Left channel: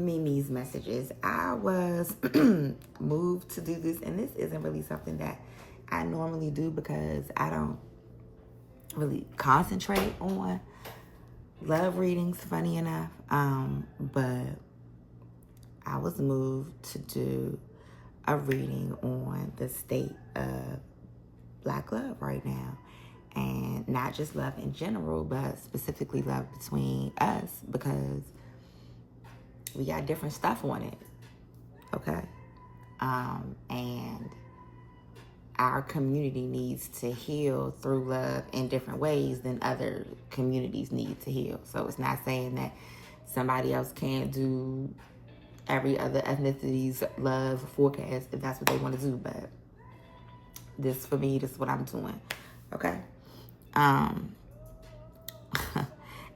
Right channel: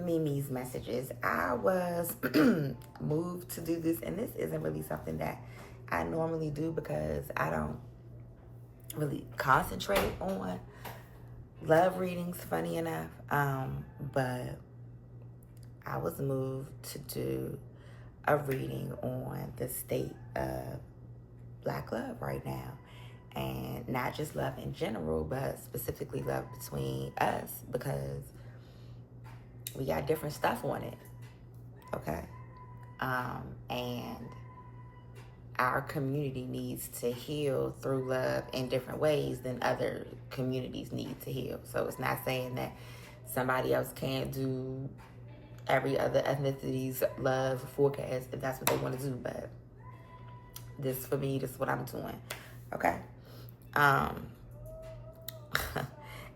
Mimi's messages. I was moved to do this, and this isn't really something that I normally do because I don't really concentrate on love readings, funny enough. But I was moved to do a reading on the state of Black love right now. And not just love in general, but specifically love between us, because we got different stuff on it. Okay? And our community needs to heal through love in different ways than other communities need to heal. So it's not saying that somebody else can't do every other ethnicity's love forecast if that's what they want to do, but this, for me, this is what I'm doing. Okay?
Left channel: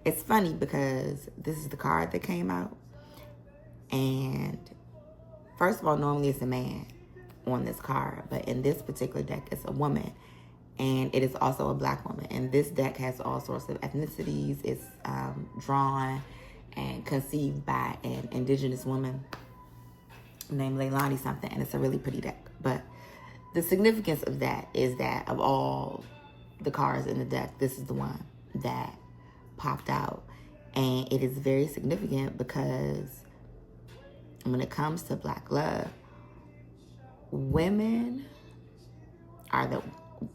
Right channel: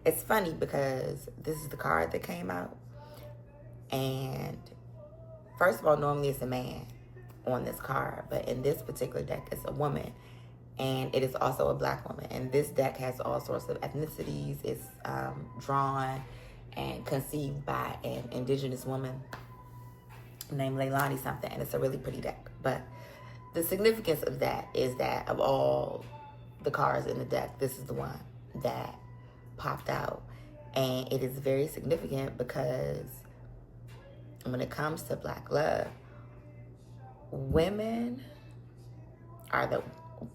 It's funny because this is the card that came out, and first of all, normally it's a man on this card, but in this particular deck, it's a woman, and it is also a Black woman. And this deck has all sorts of ethnicities. It's drawn and conceived by an indigenous woman named Leilani something, and it's a really pretty deck. But the significance of that is that of all the cards in the deck, this is the one that popped out. And it is very significant because when it comes to Black love, women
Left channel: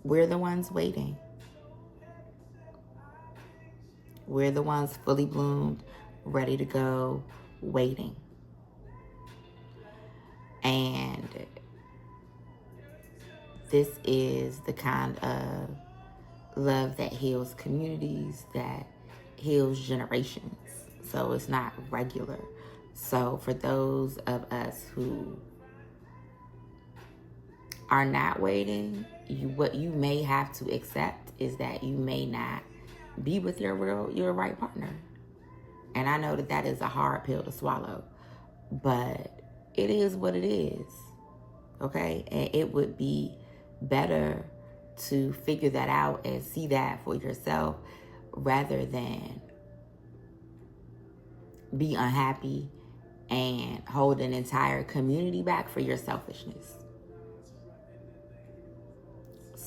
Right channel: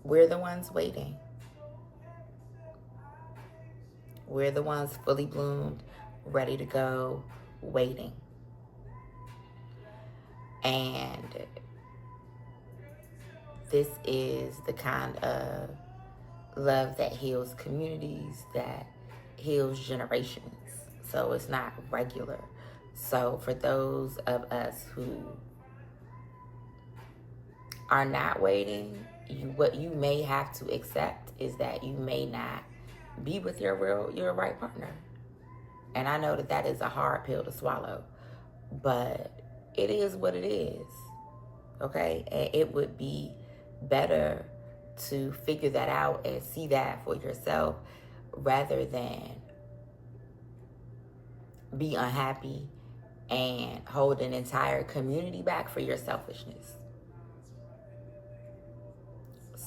we're the ones waiting. We're the ones fully bloomed, ready to go, waiting. And this is the kind of love that heals communities, that heals generations. So it's not regular. So for those of us who are not waiting, what you may have to accept is that you may not be with your right partner. And I know that is a hard pill to swallow, but it is what it is. Okay? And it would be better to figure that out and see that for yourself rather than be unhappy and hold an entire community back for your selfishness.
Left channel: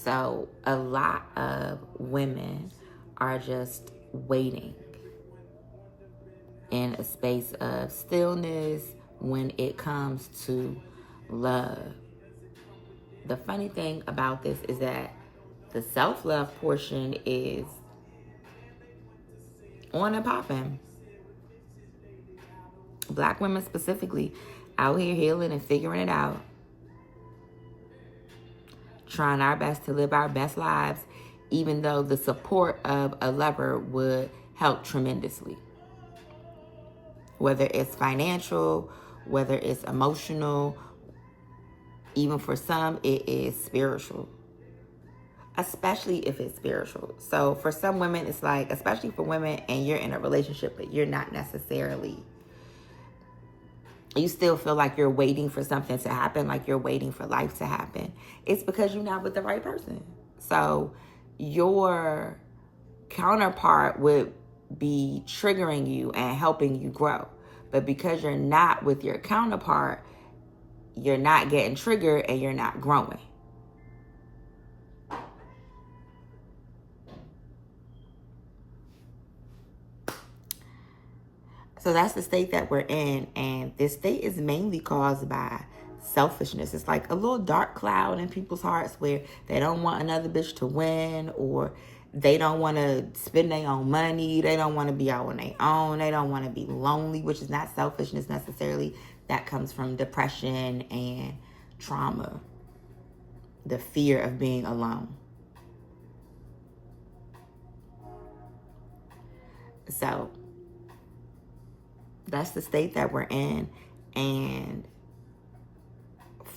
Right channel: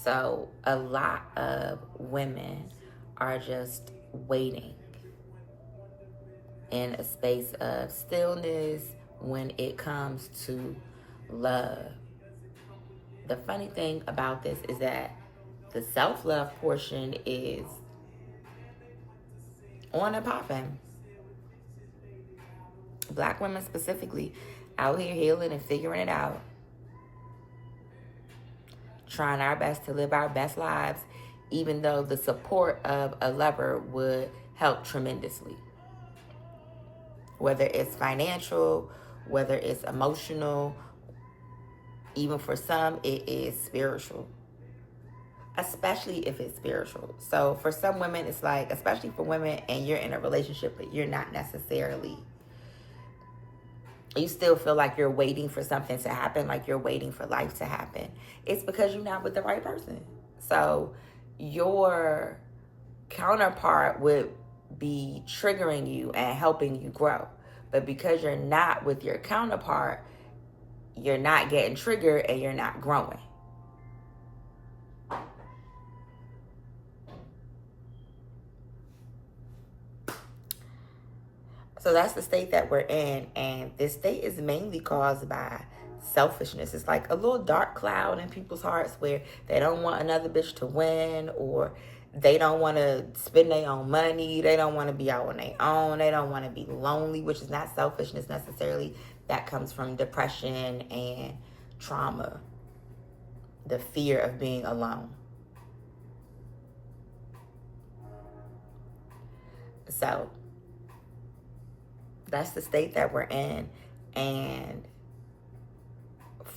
So a lot of women are just waiting in a space of stillness when it comes to love. The funny thing about this is that the self-love portion is on and popping. Black women specifically out here healing and figuring it out, trying our best to live our best lives, even though the support of a lover would help tremendously. Whether it's financial, whether it's emotional, even for some, it is spiritual. Especially if it's spiritual. So for some women, it's like, especially for women, and you're in a relationship, but you're not necessarily, you still feel like you're waiting for something to happen, like you're waiting for life to happen. It's because you're not with the right person. So your counterpart would be triggering you and helping you grow. But because you're not with your counterpart, you're not getting triggered and you're not growing. So that's the state that we're in. And this state is mainly caused by selfishness. It's like a little dark cloud in people's hearts where they don't want another bitch to win, or they don't want to spend their own money. They don't want to be out on their own. They don't want to be lonely, which is not selfishness necessarily. That comes from depression and trauma. The fear of being alone. So that's the state that we're in. And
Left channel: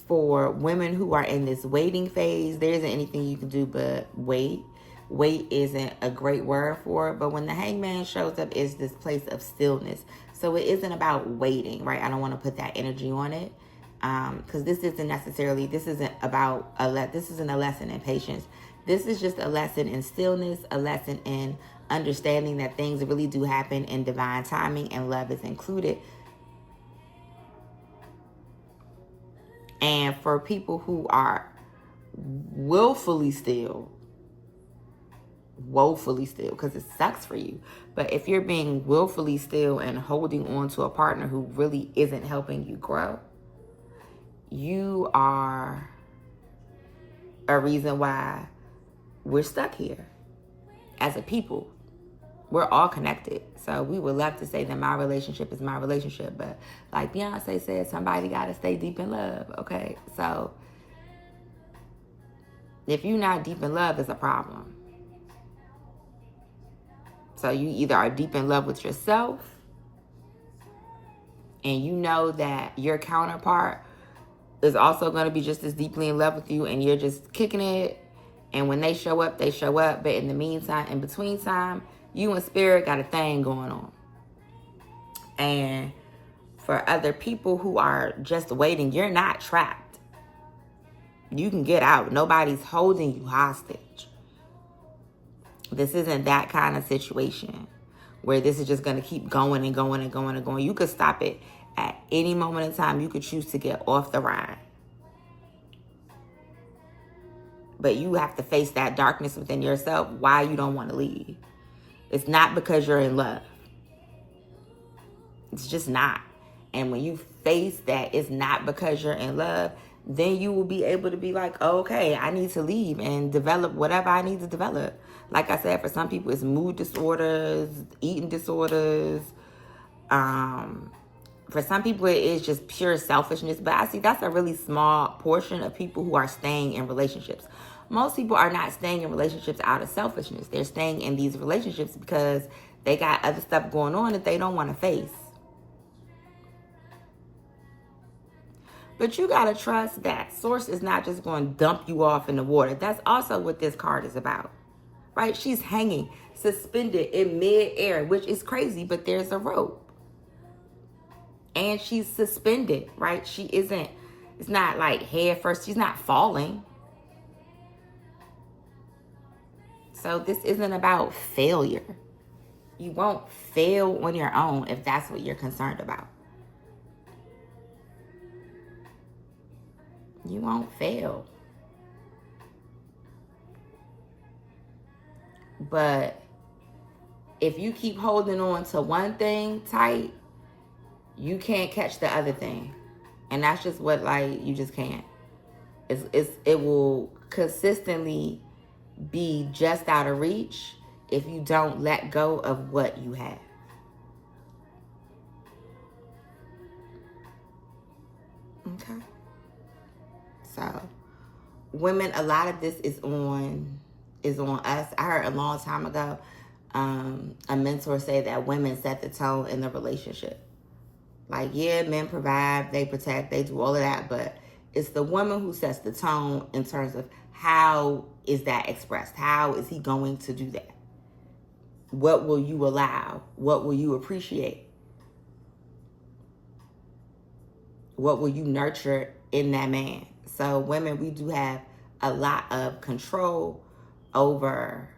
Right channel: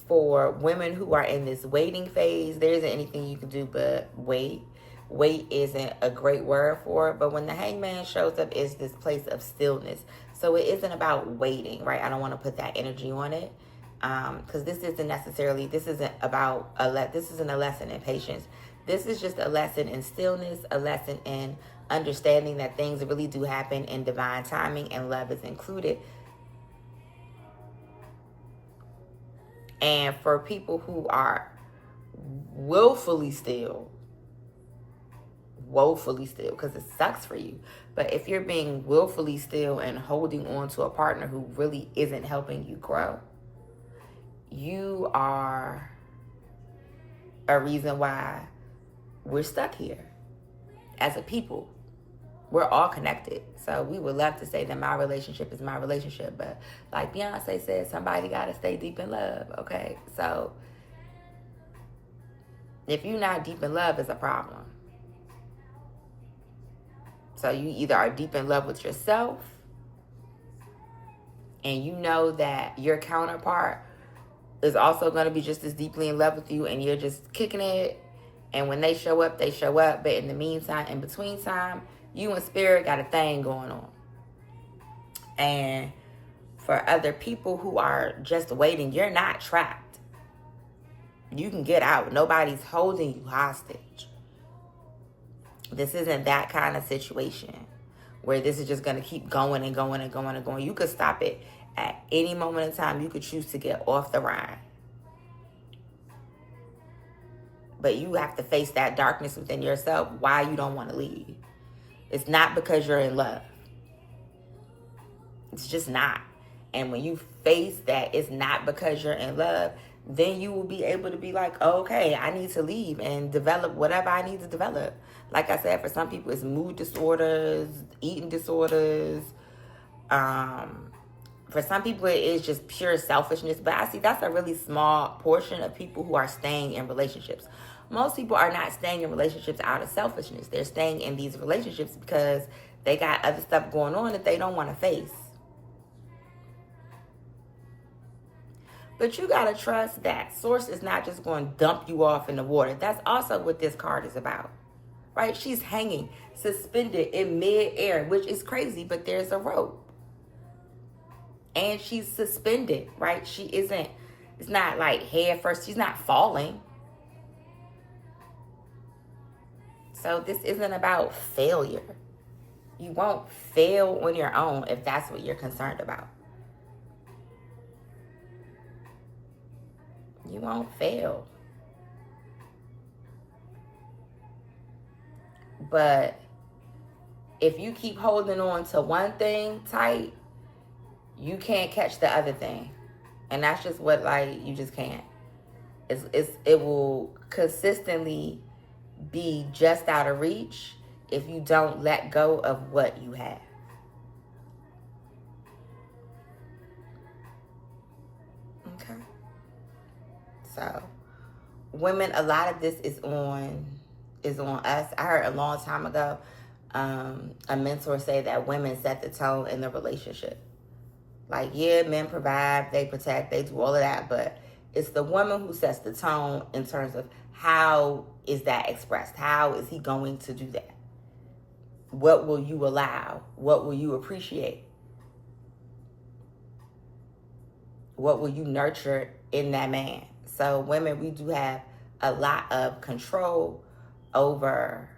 for women who are in this waiting phase, there isn't anything you can do but wait. Wait isn't a great word for it, but when the hangman shows up, it's this place of stillness. So it isn't about waiting, right? I don't want to put that energy on it, because this isn't a lesson in patience. This is just a lesson in stillness, a lesson in understanding that things really do happen in divine timing and love is included. And for people who are woefully still, because it sucks for you. But if you're being willfully still and holding on to a partner who really isn't helping you grow, you are a reason why we're stuck here as a people. We're all connected. So we would love to say that my relationship is my relationship. But like Beyonce said, somebody got to stay deep in love. Okay. So if you're not deep in love, it's a problem. So you either are deep in love with yourself and you know that your counterpart is also going to be just as deeply in love with you and you're just kicking it. And when they show up, they show up. But in the meantime, in between time, you and spirit got a thing going on. And for other people who are just waiting, you're not trapped. You can get out. Nobody's holding you hostage. This isn't that kind of situation where this is just going to keep going and going and going and going. You could stop it at any moment in time. You could choose to get off the ride. But you have to face that darkness within yourself why you don't want to leave. It's not because you're in love. It's just not. And when you face that it's not because you're in love, then you will be able to be like, oh, okay, I need to leave and develop whatever I need to develop. Like I said, for some people, it's mood disorders, eating disorders. For some people, it is just pure selfishness. But I see that's a really small portion of people who are staying in relationships. Most people are not staying in relationships out of selfishness. They're staying in these relationships because they got other stuff going on that they don't want to face. But you got to trust that Source is not just going to dump you off in the water. That's also what this card is about, right? She's hanging, suspended in mid-air, which is crazy, but there's a rope. And she's suspended, right? She isn't, it's not like head first. She's not falling. So this isn't about failure. You won't fail on your own if that's what you're concerned about. You won't fail. But if you keep holding on to one thing tight, you can't catch the other thing. And that's just what, like, you just can't. It will consistently be just out of reach if you don't let go of what you have. Okay. So, women, a lot of this is on us. I heard a long time ago a mentor say that women set the tone in the relationship. Like, yeah, men provide, they protect, they do all of that, but it's the woman who sets the tone in terms of how is that expressed? How is he going to do that? What will you allow? What will you appreciate? What will you nurture in that man? So women, we do have a lot of control over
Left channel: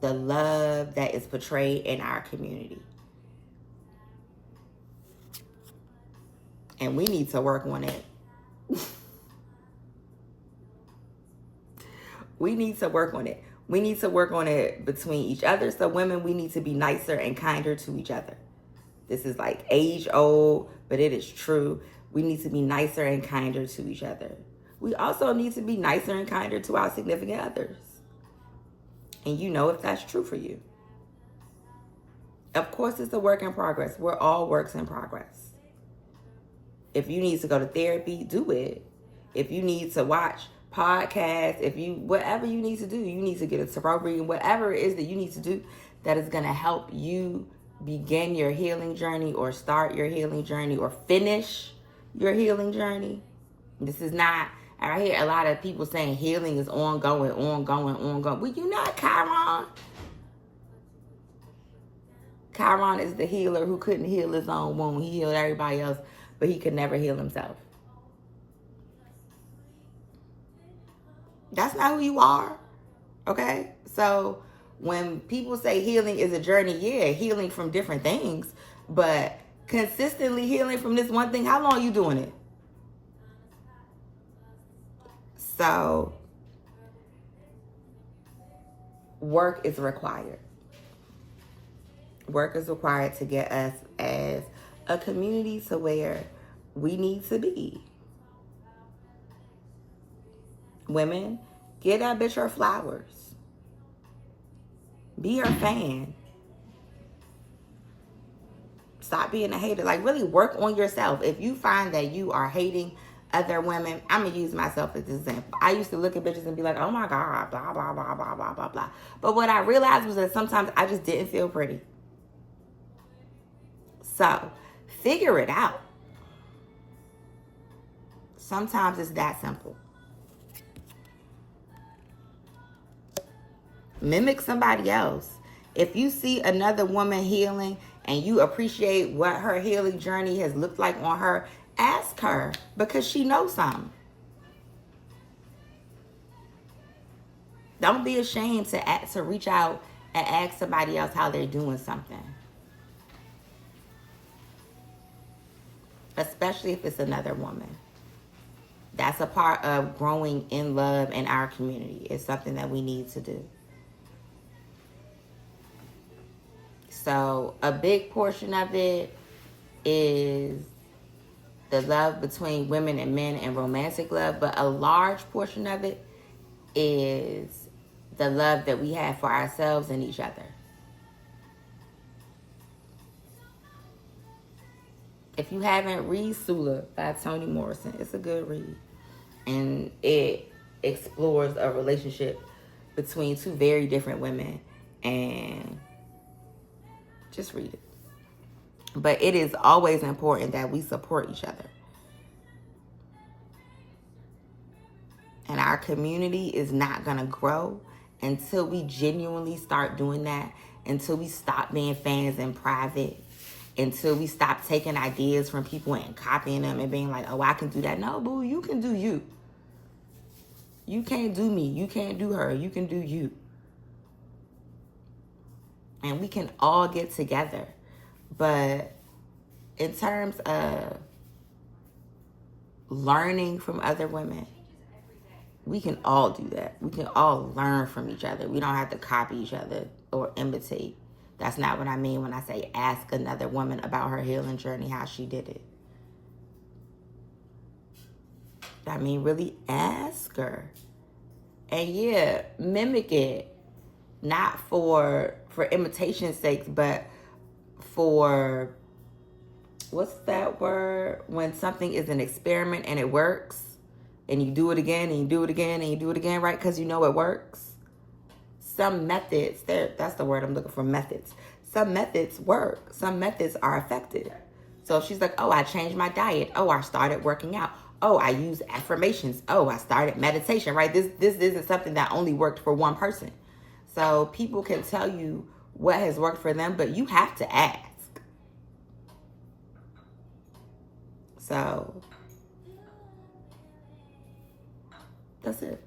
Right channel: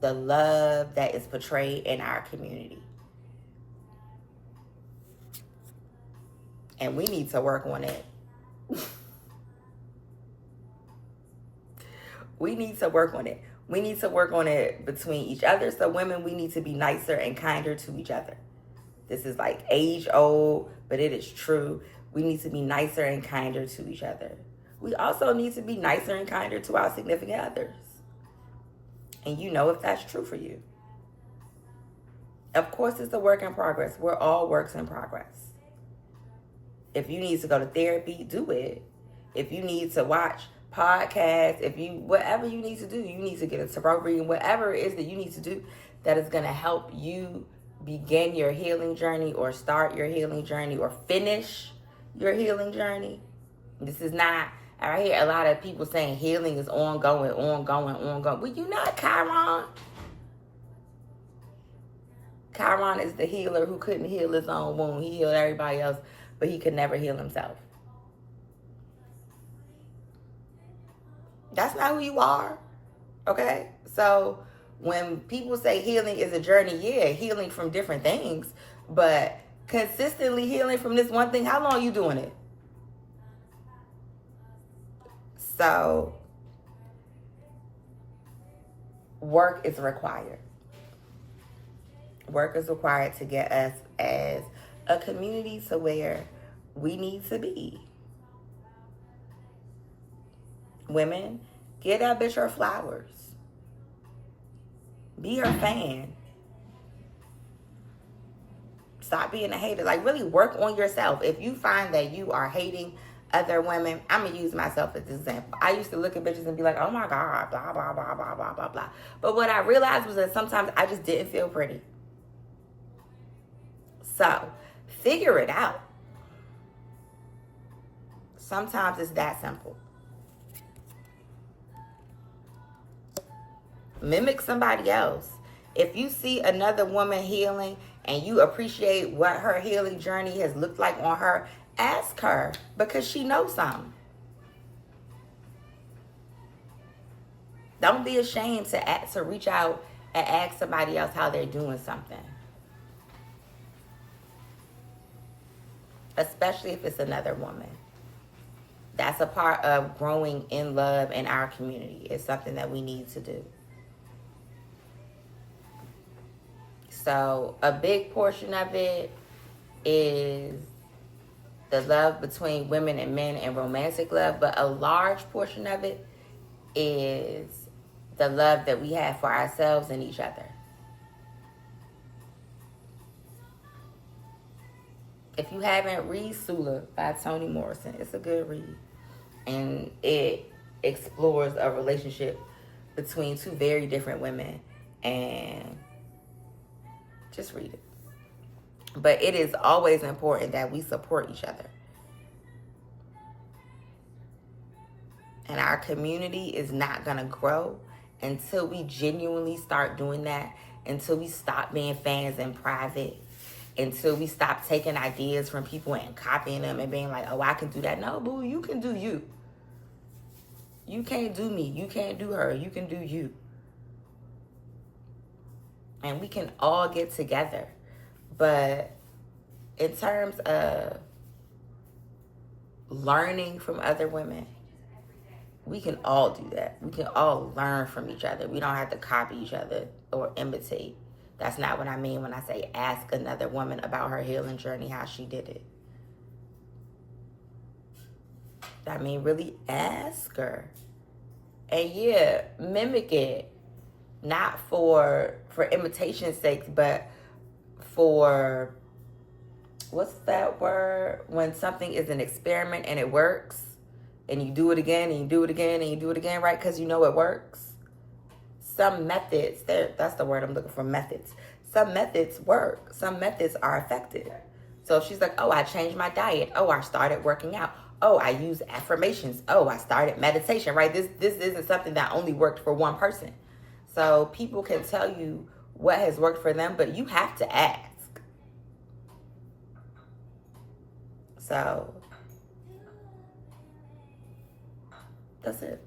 the love that is portrayed in our community. And we need to work on it. We need to work on it. We need to work on it between each other. So women, we need to be nicer and kinder to each other. This is like age old, but it is true. We need to be nicer and kinder to each other. We also need to be nicer and kinder to our significant others. And you know if that's true for you. Of course, it's a work in progress. We're all works in progress. If you need to go to therapy, do it. If you need to watch podcasts, whatever you need to do, you need to get a tarot reading, whatever it is that you need to do that is going to help you begin your healing journey or start your healing journey or finish your healing journey. This is not, I hear a lot of people saying healing is ongoing. Well, you're not Chiron. Chiron is the healer who couldn't heal his own wound. He healed everybody else, but he could never heal himself. That's not who you are. Okay? So when people say healing is a journey, yeah, healing from different things, but consistently healing from this one thing, how long are you doing it? So work is required. Work is required to get us as a community to where we need to be. Women, get that bitch her flowers. Be her fan. Stop being a hater. Like, really work on yourself. If you find that you are hating other women, I'm going to use myself as an example. I used to look at bitches and be like, oh my God, blah, blah, blah, blah, blah, blah, blah. But what I realized was that sometimes I just didn't feel pretty. So, figure it out. Sometimes it's that simple. Mimic somebody else. If you see another woman healing and you appreciate what her healing journey has looked like on her, ask her, because she knows something. Don't be ashamed to reach out and ask somebody else how they're doing something. Especially if it's another woman. That's a part of growing in love in our community. It's something that we need to do. So a big portion of it is the love between women and men and romantic love, but a large portion of it is the love that we have for ourselves and each other. If you haven't, read Sula by Toni Morrison. It's a good read. And it explores a relationship between two very different women. And just read it. But it is always important that we support each other. And our community is not going to grow until we genuinely start doing that, until we stop being fans in private, until we stop taking ideas from people and copying them and being like, oh, I can do that. No, boo, you can do you. You can't do me. You can't do her. You can do you. And we can all get together. But in terms of learning from other women, we can all do that. We can all learn from each other. We don't have to copy each other or imitate. That's not what I mean when I say ask another woman about her healing journey, how she did it. I mean, really ask her. And yeah, mimic it. Not for imitation's sake, but for, what's that word? When something is an experiment and it works, and you do it again, and you do it again, and you do it again, right? Because you know it works. Some methods, that's the word I'm looking for, methods. Some methods work. Some methods are effective. So if she's like, oh, I changed my diet. Oh, I started working out. Oh, I use affirmations. Oh, I started meditation, right? This isn't something that only worked for one person. So people can tell you what has worked for them, but you have to ask. So that's it.